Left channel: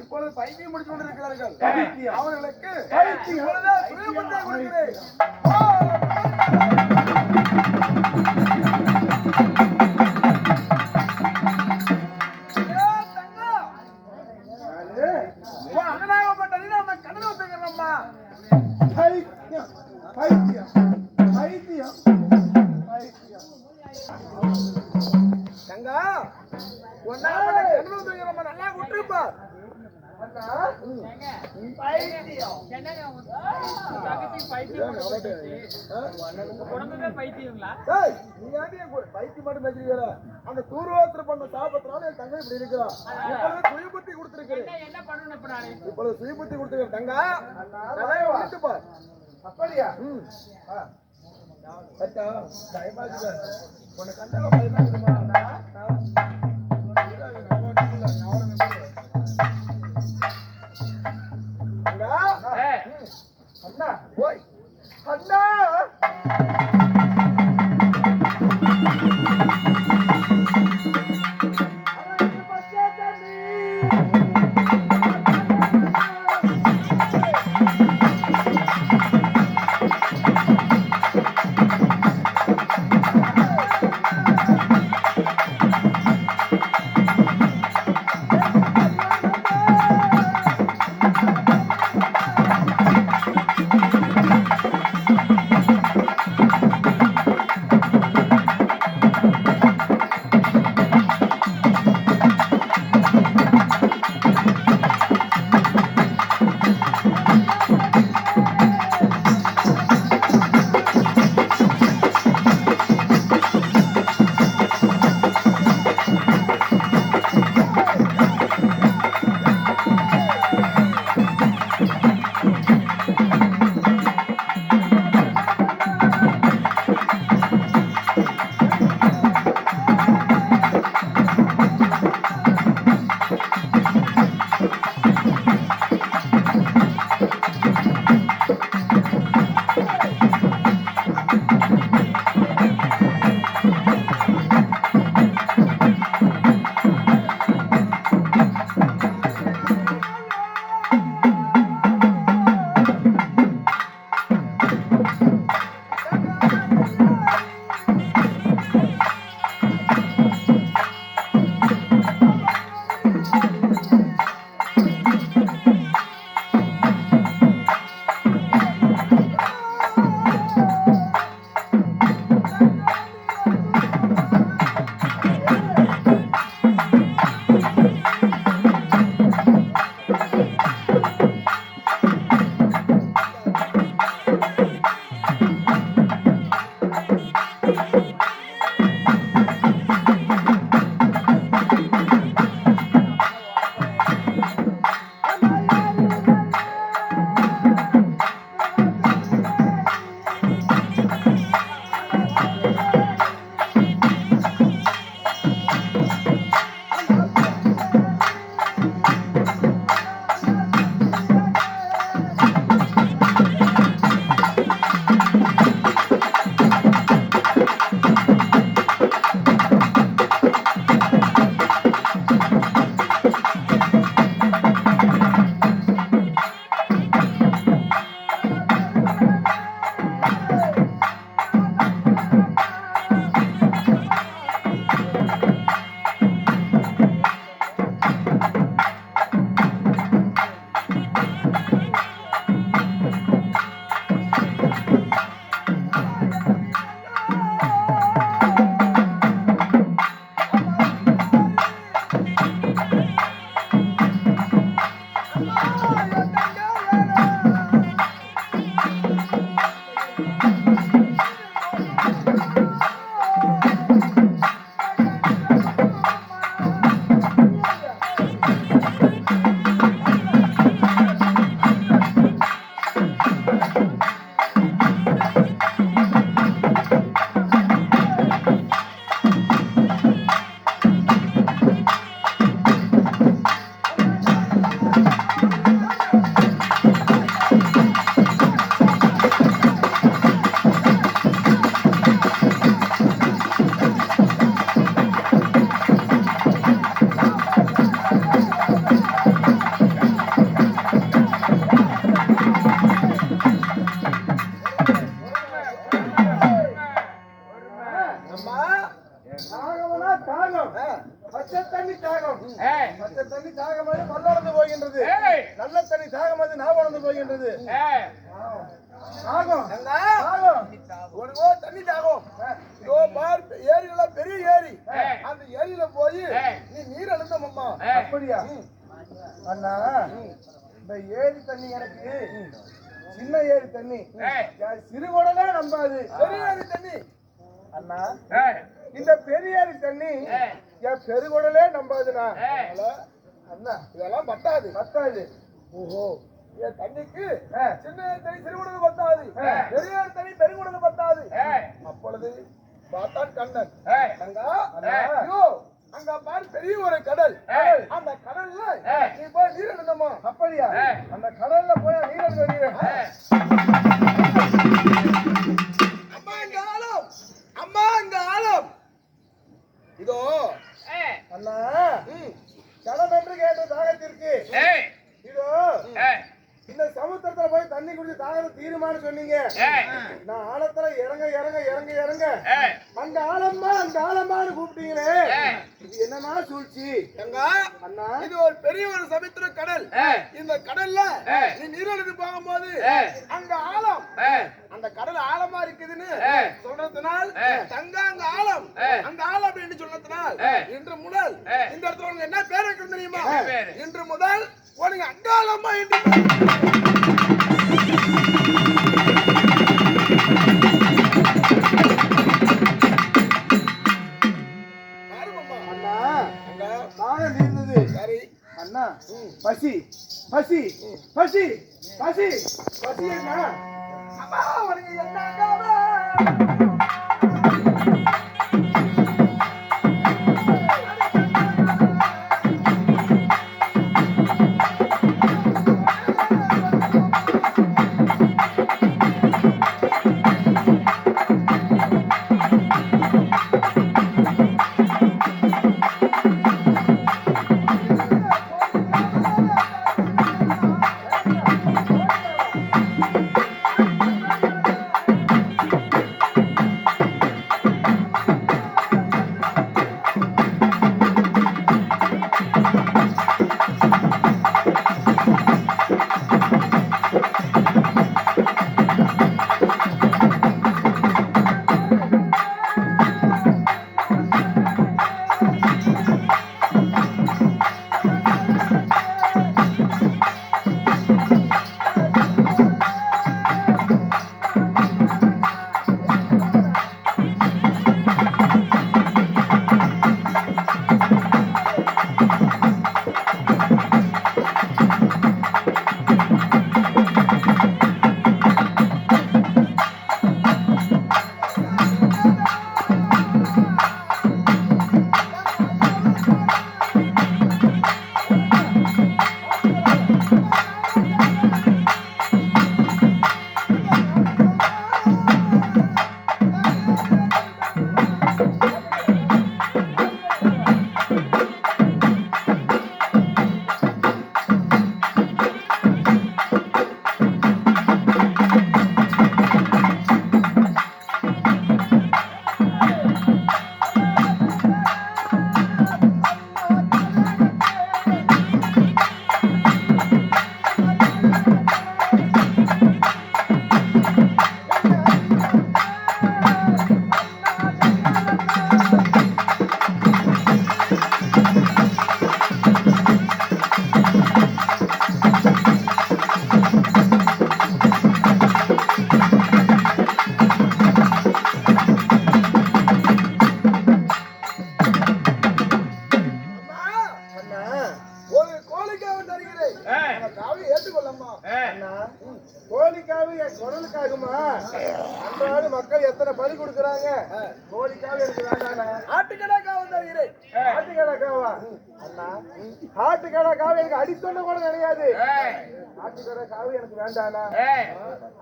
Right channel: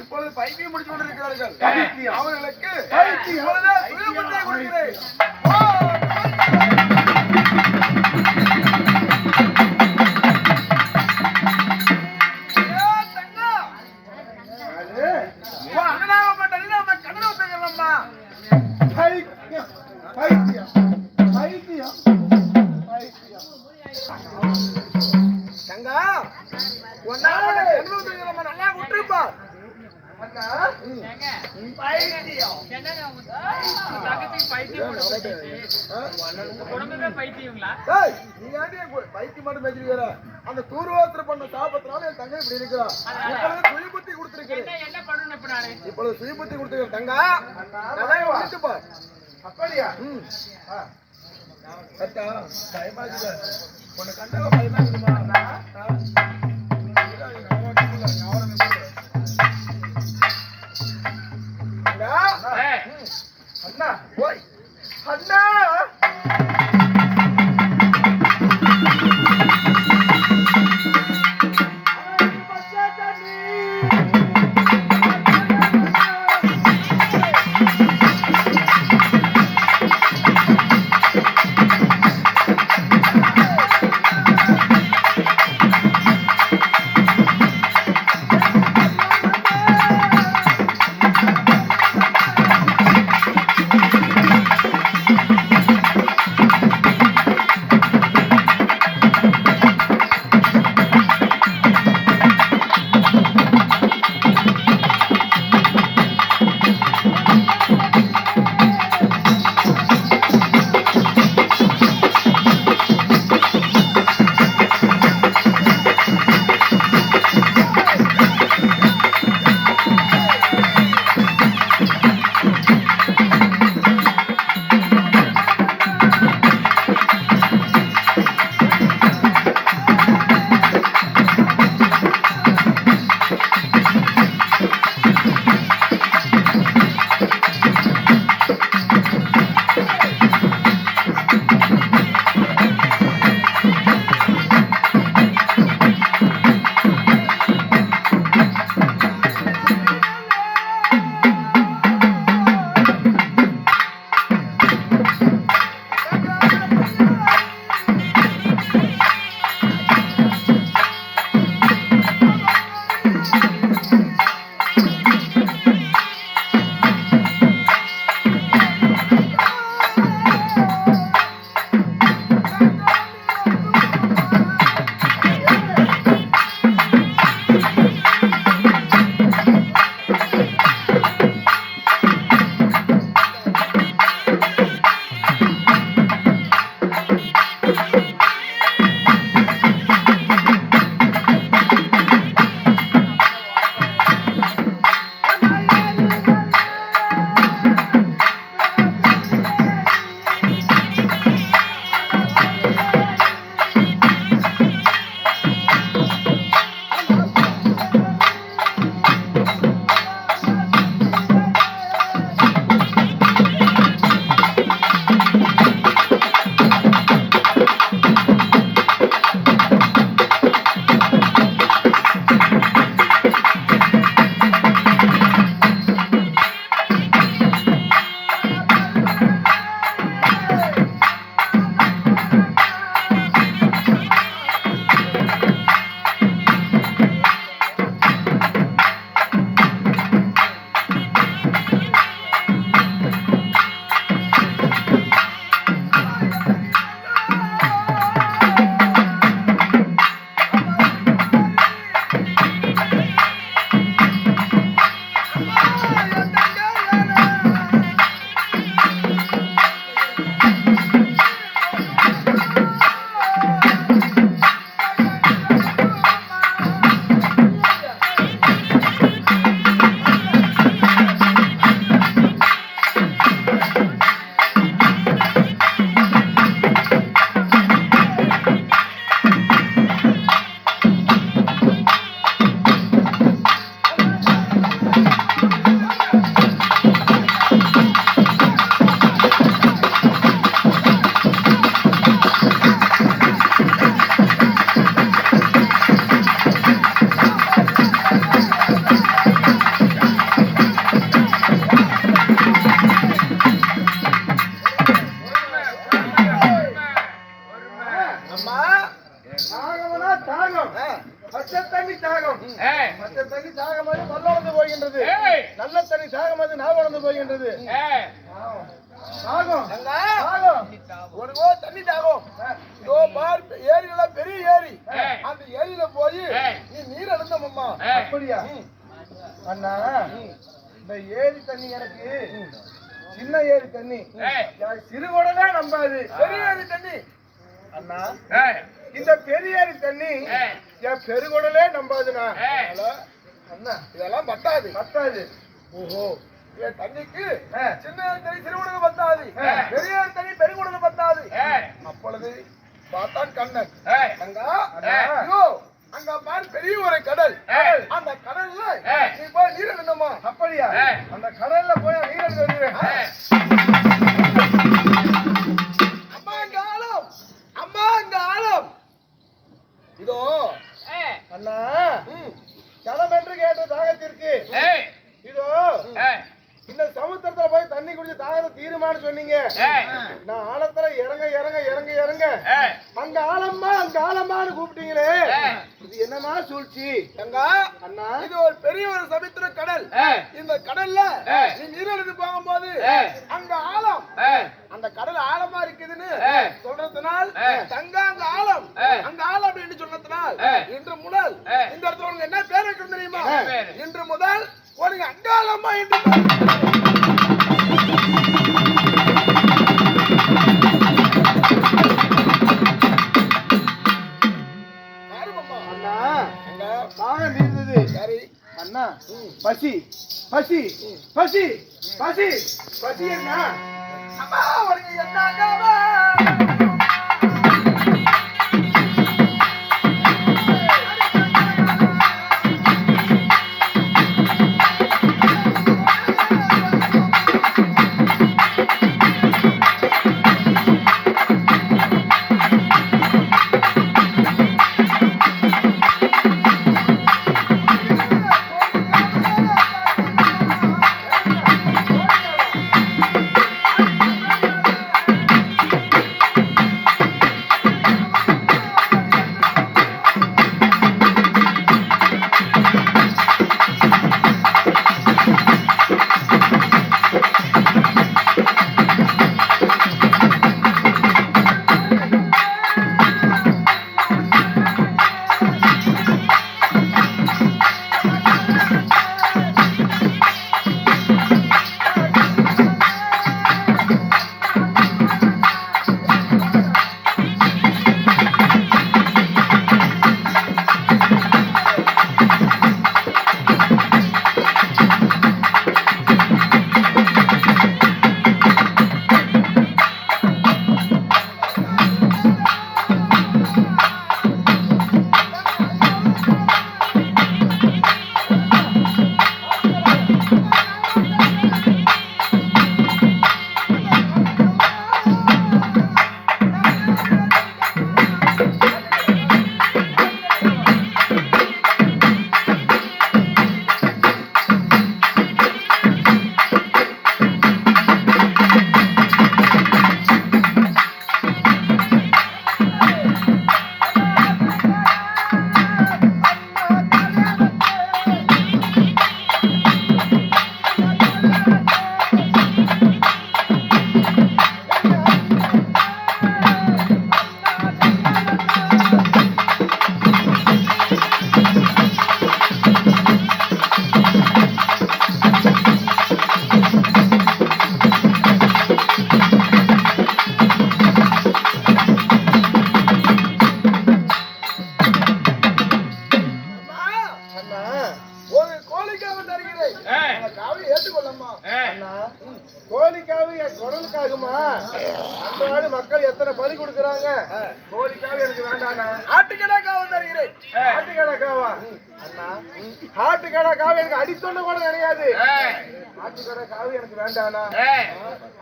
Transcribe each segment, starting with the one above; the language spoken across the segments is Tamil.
இப்பொழுது பைத்தியம் முடிச்சு கொண்டிருக்கிறார்கள். அவர்களுக்கு சுயபத்தை கொடுக்கிறேன். நல்லா விட்டுருப்பார். அந்த தூர்வாத்திர பண்ண சாபத்தினால என் தங்கை இப்படி இருக்கிறா. சுயபுத்தி கொடுத்திருக்கிறேன். இப்பொழுது சுயபுத்தி கொடுத்திருக்கேன் தங்கா. விட்டுப்பார். அப்படியா? கட்டா பயமாக்குது. உன்னை கண்டா பயமாக்குதுமா? அண்ணா ஓய் அண்ணா தாகம் வந்து நான் உணர்ந்து போகின்றது. தாகம் உனக்கோ தண்ணி தாகம். இதோ பார், ஏரியில பெரிய ஏரி. அந்த ஏரியில போய் நீ நீர் அழுந்தம்மா. அப்படியா அண்ணா? இந்த ஏரி தண்ணி எனக்கு சின்ன ஏரி தண்ணி, சிறுகுடமே நம்பாது. பெரிய ஏரி தண்ணி அண்ணா, இந்த பெரிய ஏரி தண்ணி என் பெருகுடலே நம்பாதுண்ணா. அண்ணா இதெல்லாம் பத்தாது. பத்தாது. ஓஹோ, என் தண்ணிக்கு சின்ன தண்ணி சிறுகுடல் பத்தாது, பெரிய தண்ணி பெருகுடல் பத்தாது. அப்பொழுது பார்த்தான் கண்ணன். அங்க பாரு பெரிய ஒரு கடல். அந்த கடல்ல நீ போய் நீர் எழுந்தமா. அப்படியா? அந்த கடல்ல போய் நீர் எழுந்து அம்மா அங்க ஆழம், அம்மா அங்க ஆழம். இதோ அண்ணா, ஜலம் என்று கேட்ட தாகத்திற்கு இதோ இந்த சமுத்திரத்துல போய் தண்ணி குடிச்சு தாகத்தை தீருமான்னு சொன்னீங்க. நான் ஆழத்துல இறங்க இறங்க இறங்க இறங்க அங்க ஆழமா அங்க ஆழமான்னு கூப்பிட்டீங்களே, இது என்னன்னா சூழ்ச்சி? அண்ணா, இது ஒரு பெரிய ஒரு சமுத்திர கடல். இந்த கடல்ல நீ நீரெழுந்து போகும்போது அங்க ஆழம், அந்த கடல் ஆழமா இருக்குதுன்னு சொல்றதுனால் தங்க அங்க ஆழம், அங்க ஆழம் அப்படின்னு சொன்னதுனால் இன்று முதல் இந்த இடத்துல உனக்கு என்ன பேர் வைக்கணும் தெரியுமா? இன்று முதல் உனக்கு அங்காளம்மா என்று. அண்ணா, தாகம் தீர்ந்தது. சரி அண்ணா, பசி பசி பசி பசி பசி என்ன? அம்மா உனக்கு என்ன? கோழிக்காக என் குடலுக்காகுமா? அன்றாடு மக்கள் எத்தனை பலி கொடுக்குறாங்க. கோழிக்காக எனக்கு வேண்டாண்ணா. ஆட்டுக்கடாக்காக தருகிறேன். ஆட்டுக்கடாக்காவா? அண்ணா, ஆட்டுக்கடாக்காக எனக்கு அடித்தொண்டு கூட கிடையாது. ஆட்டுக்கடாக்காக எனக்கு வேண்டாண்ணா.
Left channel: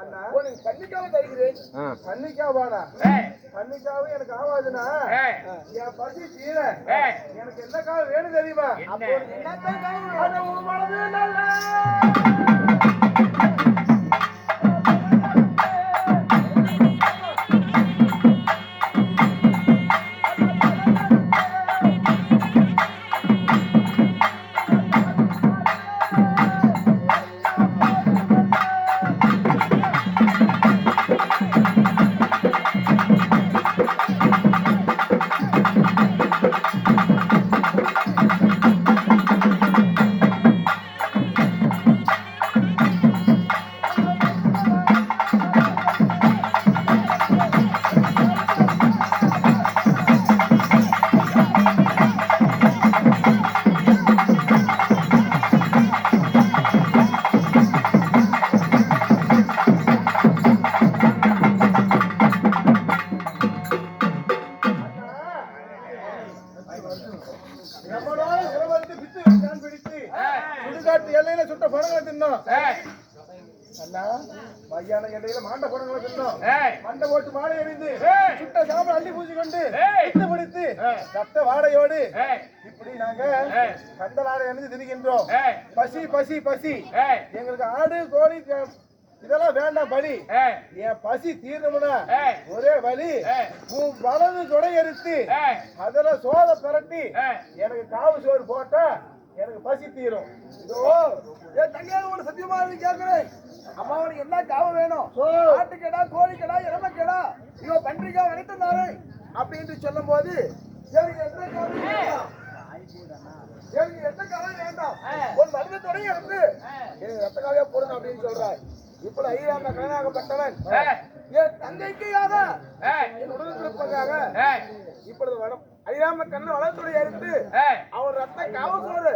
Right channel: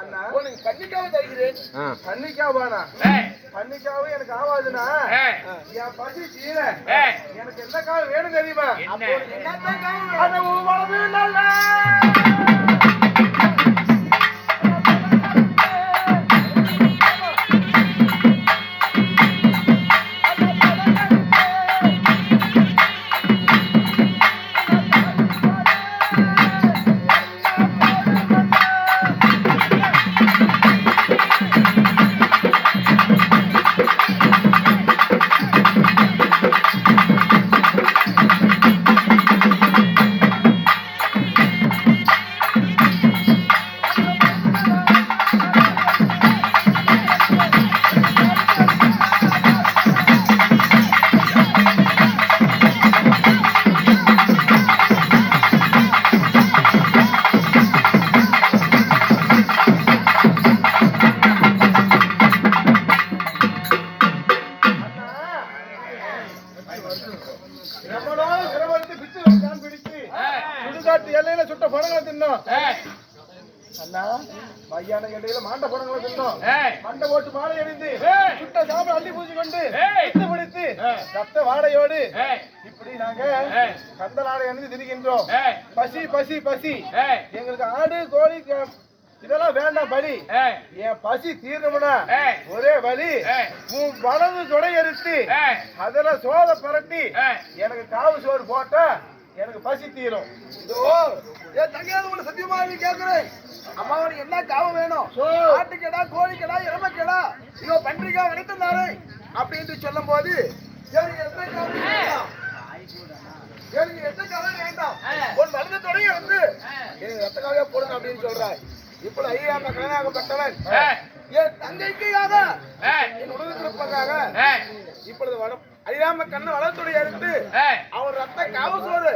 அண்ணா, உனக்கு கன்னிக்காக தருகிறேன். கன்னிக்காவானா? கன்னிக்காவு எனக்கு ஆகாதுண்ணா. என் பசி தீர எனக்கு என்ன காவு வேணும் தெரியுமா? அப்போ என்னத்தான் காவு? அதை உங்களது நல்ல அண்ணா மையான இடையில மாண்ட போனங்களை தின்னோம் மண்டை போட்டு மாலை அணிந்து சுட்ட சாப்பிட அள்ளி பூஜை கொண்டு வித்து பிடித்து ரத்த வாடையோடு இப்படி நாங்க கந்தலாடை அணிந்து திரிகின்றோம். பசி பசி பசி எங்களுக்கு ஆடு கோழி இதெல்லாம் வேண்டாம் பலி. என் பசி தீரணும்னா ஒரே வழி, உன் வலது தொடை எடுத்து அதுல சோத பரட்டி எனக்கு காவு சோறு போட்டா எனக்கு பசி தீரும். என் தங்கையாவது உங்களை சத்தியமா கேட்கிறேன், அம்மாவுக்கு என்ன காவ வேணும்? ஆட்டுக்கடா, கோழிக்கடா, எருமைக்கடா, இதோ பன்றிக்கா வளைத்தாரு அப்படின்னு சொல்லும் போது எனக்கு எந்த காவலும் வேண்டாம், எனக்கு எந்த காவலும் வேண்டாம், உன் வலது தொடைய வந்து எனக்கு ரத்த காவியா போடுங்க அப்படின்னு சொல்றாய். இப்ப ஐயா கல்யாணப்பட்டவன் என் தங்கைக்காக என் உடலுக்காக இப்பொழுது அறியாம கண்ண வளத்துடைய எடுத்து அவர் ரத்த காவ சோறு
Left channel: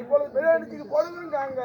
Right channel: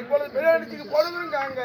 இப்பொழுது பெரிய அடிச்சுக்கு போடுங்காங்க.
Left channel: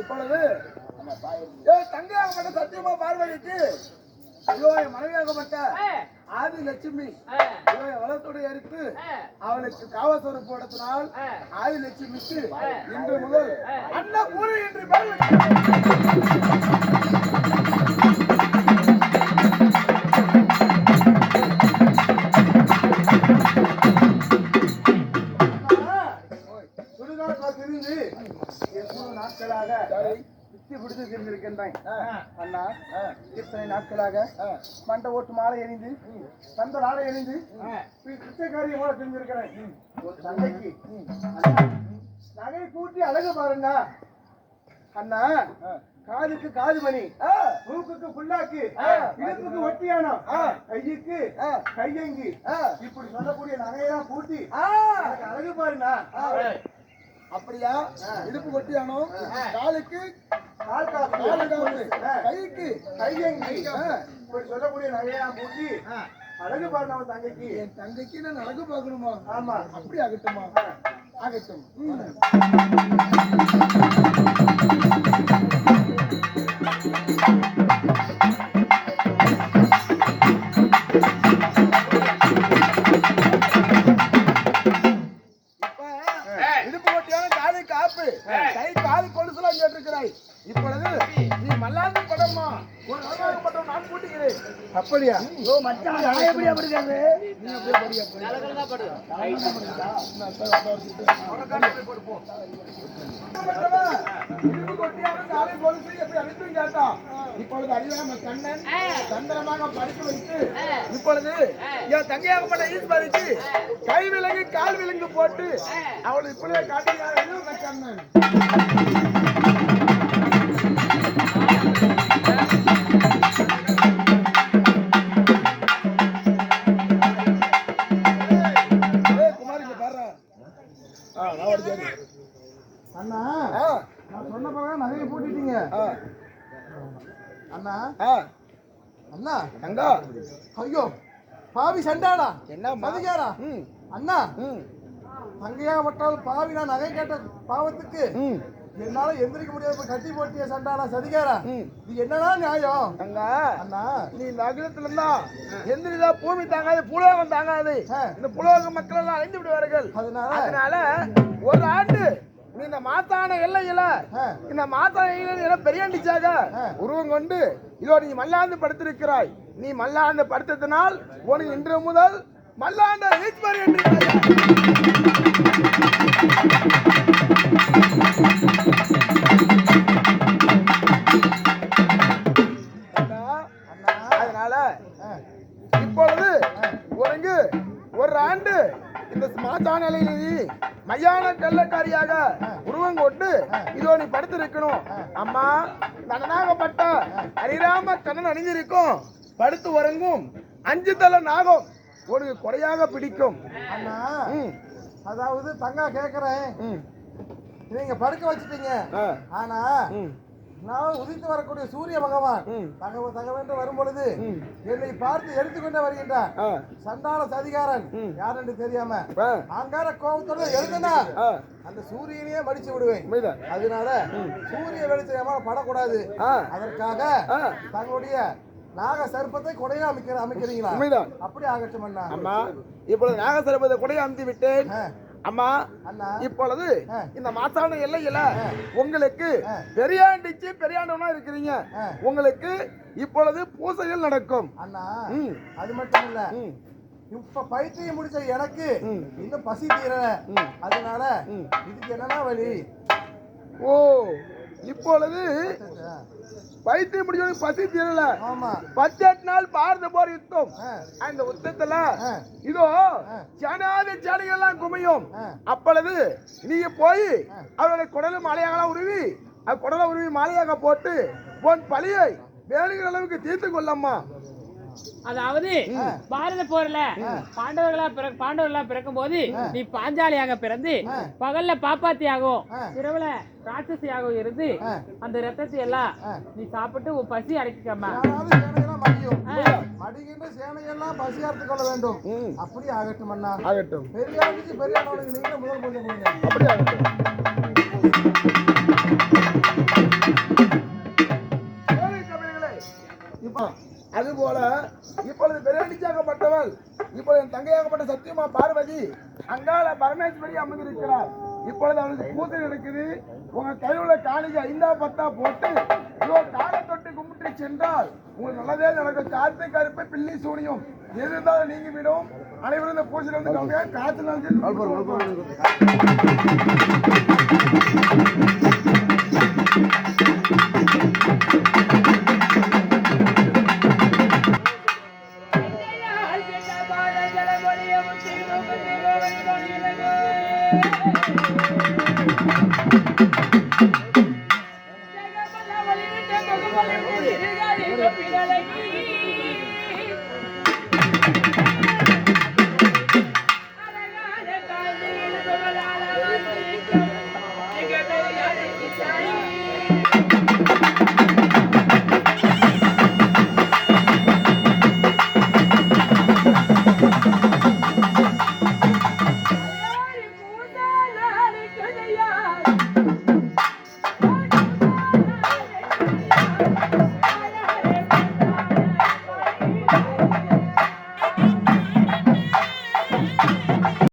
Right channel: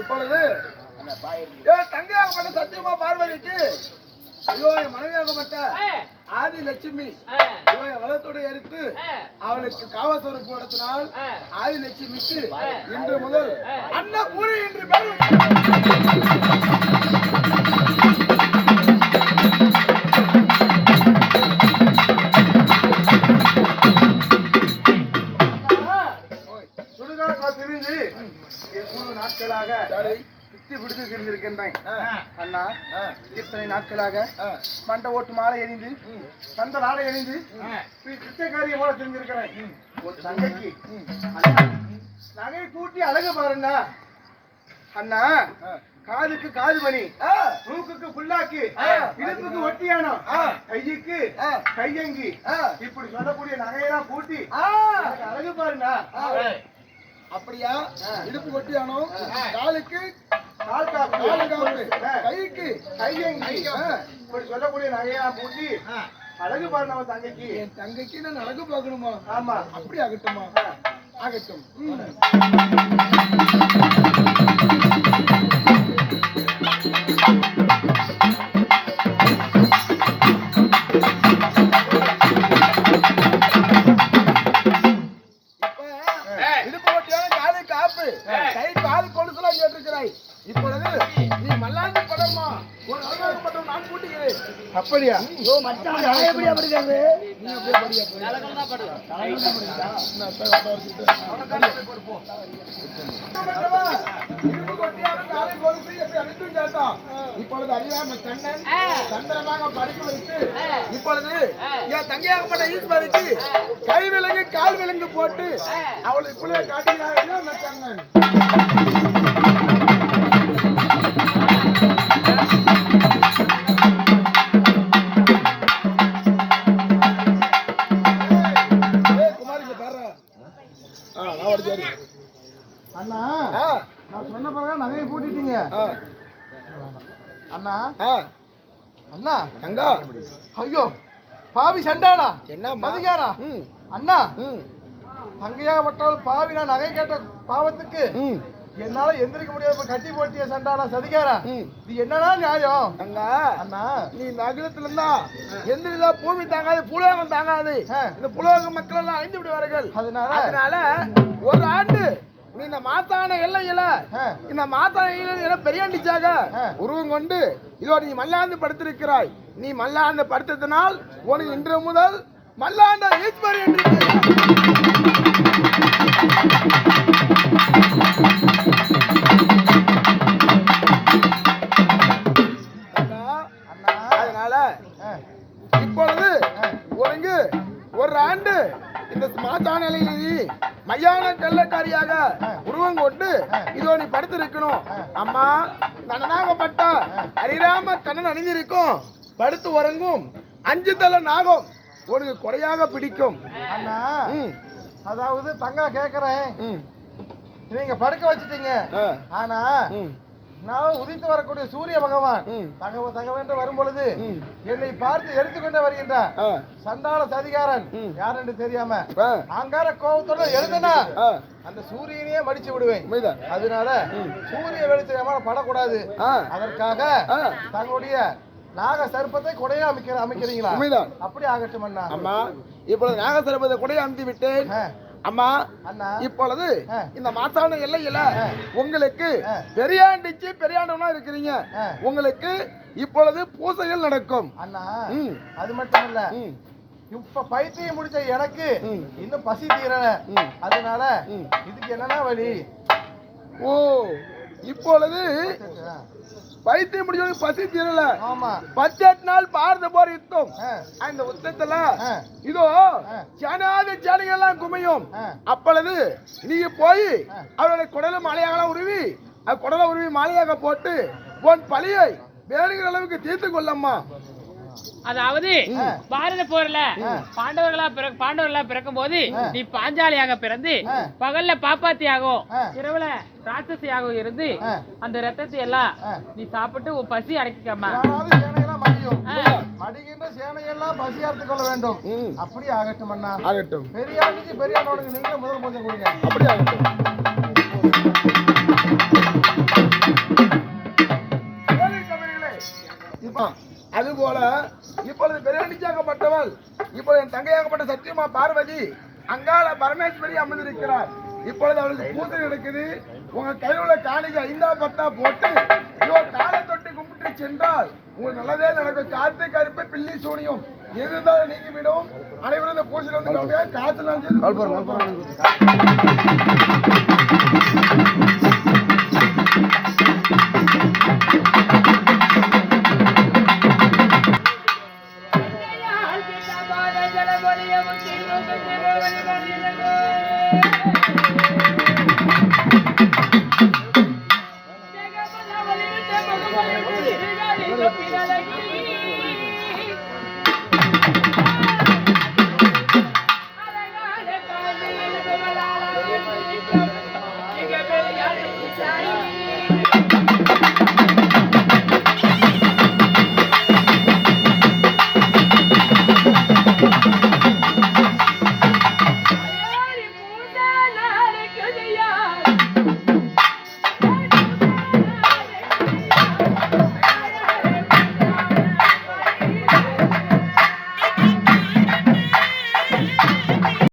இப்பொழுது என் தங்கையாகப்பட்ட சத்தியமா பார்வதிக்கு ஐயோ என் மனைவியாகப்பட்ட ஆதி லட்சுமி ஐயோ என் வளத்தோடு எடுத்து அவளுக்கு காவசோறு போடுத்தினால் ஆதி லட்சுமிக்கு இன்று முதல் அண்ணா பூரி என்று பேர் நாட்களாக பித்தி பிடித்து தெரிந்திருக்கின்றேன் அண்ணா. இத்தனை நாட்களாக மண்டை ஓட்டு மாலை எரிந்து கந்த நாளை எரிந்து பிச்சைக்காரியை போல தெரிஞ்சிருக்கிறேன். ஒரு தங்கைக்கு நகை கூட்டி அழகு பாருங்க அண்ணா. காதுக்கு காது மணி, மூக்குக்கு புல்லாக்கு, இடுப்புக்கு ஒட்டியானம், கைக்கு கையங்கி, இப்படி சொல்லக்கூடிய நகையெல்லாம் கூட்டி எனக்கு அழகு பாருண்ணா. அப்படியா? இடுப்பு கொட்டியானோ, காலுக்கு கால் காப்பு, கைக்கு கையங்கி, இப்படி சொல்லக்கூடிய நகையெல்லாம் கூட்டி அழகு பாரு நம்ம தங்கைக்கு. என் தங்கைக்கு நான் அழகு பார்க்கணுமா? ஆமா. அப்படி ஆகட்டுமா? ஆகட்டும். இடுப்பு கொட்டியான காலை காப்பு, கை காது கொலுசுலாம் கேட்டிருக்கிறாய். இப்பொழுது நீ மல்லாந்து படமா ஒரு படம் நான் கூட்டுகிறேன். அப்படியா? ஓ மச்சான் எப்படி படிக்காது? நீ அப்படியே படியா போய். தலைகள்னா படுடா. தலைகள்னா படுடா. நான் போய் அப்பா வச்சிட்டு. இடுப்பு கொட்டியான காலை கொலுசு எப்படி அழித்து கேட்டான். இப்பொழுது அறியாம கண்ணன் சந்திரமாக படிக்க வைத்து இப்பொழுது என் தங்கையாகப்பட்ட ஈஸ்வரிக்கு கை விலங்கு கால் விலங்கு போட்டு அவளுக்கு புள்ளிய காட்டுகிறாரோ நான் கண்ணன். அண்ணா, நான் சொன்ன பிறகு நகையை பூட்டிட்டீங்க. அண்ணா அண்ணா தங்கா ஐயோ பாவி சண்டாடா என்ன மதிக்காரா அண்ணா தங்கையாகப்பட்டால் பாவி நான் நகை கேட்ட பாவத்துக்கு என்னால எந்திரிக்க முடியாது. கட்டி போட்டிய சண்டாடா சதிகாரா, இது என்னடா நியாயம்? அண்ணா நீ நகரத்துல இருந்தா எந்திரிதா பூமி தாங்காது, புலோகம் தாங்காது. இந்த புலோக மக்கள் எல்லாம் அழிந்து விடுவார்கள். அதனால ஒரு ஆண்டு நீ இந்த மாத்தான எல்லையில இந்த மாத்தான பெரியாண்டிச்சாக உருவம் கொண்டு இதோட நீ மல்லாந்து படுத்திருக்கிறாய். நீ மல்லாந்து படுத்ததினால் உனக்கு இன்று முதல் மல்லாண்ட ஈஸ்வரி என்று அதனால இப்பொழுது உனக்கு ஒரு ஆண்டு இந்த மாத்தான எல்லையில் மையான கள்ளக்காரியாக உருவம் கொண்டு இதோ நீ படுத்திருக்கணும். அம்மா கண்ணனாகப்பட்ட ஹரிராம கண்ணன் அணிந்திருக்கும் படுத்து உறங்கும் 5 தலை நாகம் உனக்கு கொடையாக பிடிக்கும். அண்ணா அதாவது தங்கா கேக்குறேன், நீங்க படுக்க வச்சுட்டீங்க. ஆனா நான் உதித்து வரக்கூடிய சூரிய பகவான் தகவென்று வரும் பொழுது என்னை பார்த்து எடுத்துக்கொண்டே வருகின்றான். சண்டாள சதிகாரன் யார் என்று தெரியாம அங்கார கோபத்தோட எழுதுனா அந்த சூரியனையே மடிச்சு விடுவேன். அதனால சூரிய வெளிச்சமா படக்கூடாது. அதற்காக தங்களுடைய நாக சர்ப்பத்தை கொடையா அமைக்கிறீங்களா? அப்படி ஆகட்டும் அண்ணா. இப்பொழுது நாக சர்ப்பத்தை கொடையா அமைத்து விட்டேன். அம்மா அண்ணா இப்பொழுது இந்த மாசான எல்லையில உங்களுக்கு பெரியாண்டிச்சு பெரியாண்டவனா இருக்கிறீங்க. உங்களுக்கு இப்பொழுது பூசைகள் நடக்கும் அண்ணா. அது மட்டும் இல்ல, இப்ப பைத்தியம் முடிச்ச எனக்கு இன்னும் பசி தீரல. அதனால இதுக்கு என்னன்னா வழி? ஓ இப்பொழுது பைத்தியம் முடிஞ்சவங்க பசி தீரல. ஆமா 18 நாள் பாரத போர் யுத்தம். அந்த யுத்தத்துல இதோ சேனாதி சேனைகள் எல்லாம் குமியும். அப்பொழுது நீ போய் அவருடைய குடல மாலையாக உருவி குடல உருவி மாலையாக போட்டு உன் பழியை வேணுங்கிற அளவுக்கு தீர்த்து கொள்ளம்மா. அதாவது பாரத போர்ல பாண்டவர்களா பிறக்கும் போது நீ பாஞ்சாலியாக பிறந்து பகல்ல பாப்பாத்தியாகவும் இரவுல ராட்சசியாகவும் இருந்து அந்த ரத்தத்தை எல்லாம் நீ சாப்பிட்டு உன் பசி அடக்கிக்கம்மா. மடிகின்ற சேனையெல்லாம் பசி அறுத்துக் கொள்ள வேண்டும். அப்படி ஆகட்டும் அண்ணா. ஆகட்டும். பெரியாளுக்கு பெரியானோட நீங்க முதல் பூஜை கொடுங்க. அப்படி ஆகட்டும். அதுபோல இப்பொழுது பெரியாண்டிச்சாகப்பட்டவள் இப்பொழுது என் தங்கையாகப்பட்ட சத்தியமா பார்வதி அங்காள பரமேஸ்வரி அமர்ந்திருக்கிறார். இப்பொழுது அவளுக்கு பூஜை நடக்குது. உங்க கையில் உள்ள காணிக்கை 5 10 போட்டு காலை தொட்டு கும்பிட்டு சென்றால் உங்களுக்கு நல்லதே நடக்கும். காத்து கருப்பு பில்லி சூனியும் எதுதான் நீங்கி விடும். அனைவரும் இந்த பூஜையில் வந்து காத்து ஜெய்